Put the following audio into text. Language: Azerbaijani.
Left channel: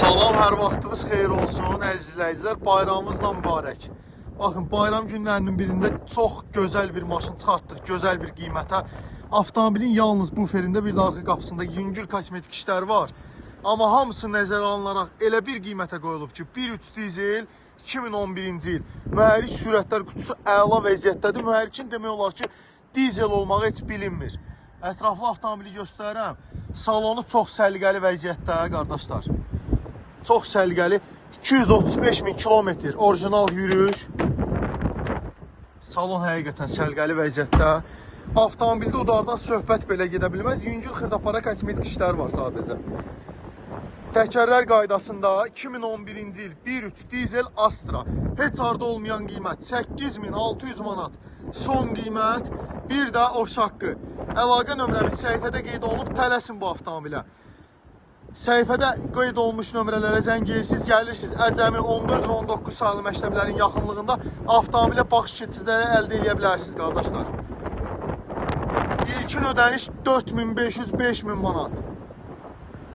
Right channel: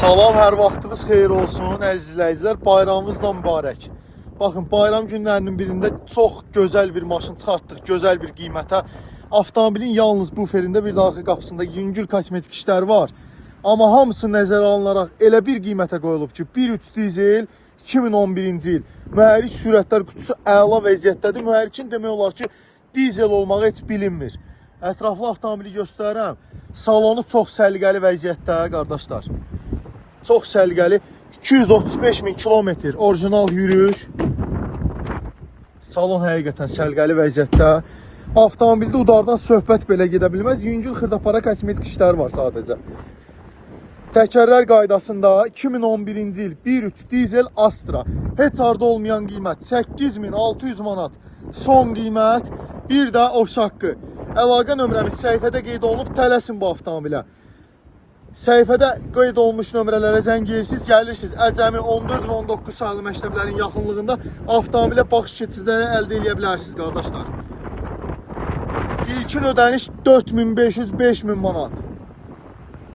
Salam, hər vaxtınız xeyir olsun əziz izləyicilər. Bayramımızla mübarək. Baxın, bayram günlərinin birində çox gözəl bir maşın çıxartdıq, gözəl bir qiymətə. Avtomobilin yalnız buferində bir də arxa qapısında yüngül kosmetik işlər var. Amma hamısı nəzərə alınaraq elə bir qiymətə qoyulub ki, 1.3 dizel 2011-ci il. Mühərrik sürətlər qutusu əla vəziyyətdədir. Mühərrikin demək olar ki, dizel olmağı heç bilinmir. Ətraflı avtomobili göstərirəm. Salonu çox səliqəli vəziyyətdə, qardaşlar. Çox səliqəli, 235.000 kilometr orijinal yürüyüş. Salon həqiqətən səliqəli vəziyyətdə. Avtomobildə udardan söhbət belə gedə bilməz. Yüngül xırdapara kosmetik işlər var sadəcə. Təkərlər qaydasında 2011-ci il 1.3 dizel Astra. Heç arda olmayan qiymət 8600 manat. Son qiymət, bir də oş haqqı. Əlaqə nömrəmiz səhifədə qeyd olunub, tələsin bu avtomobilə. Səhifədə qeyd olunmuş nömrələrə zəng edirsiniz, gəlirsiniz. Əcəmi 14 və 19 saylı məktəblərin yaxınlığında avtomobilə baxış keçidləri əldə edə bilərsiniz, qardaşlar. İlkin ödəniş 4500-5000 manat.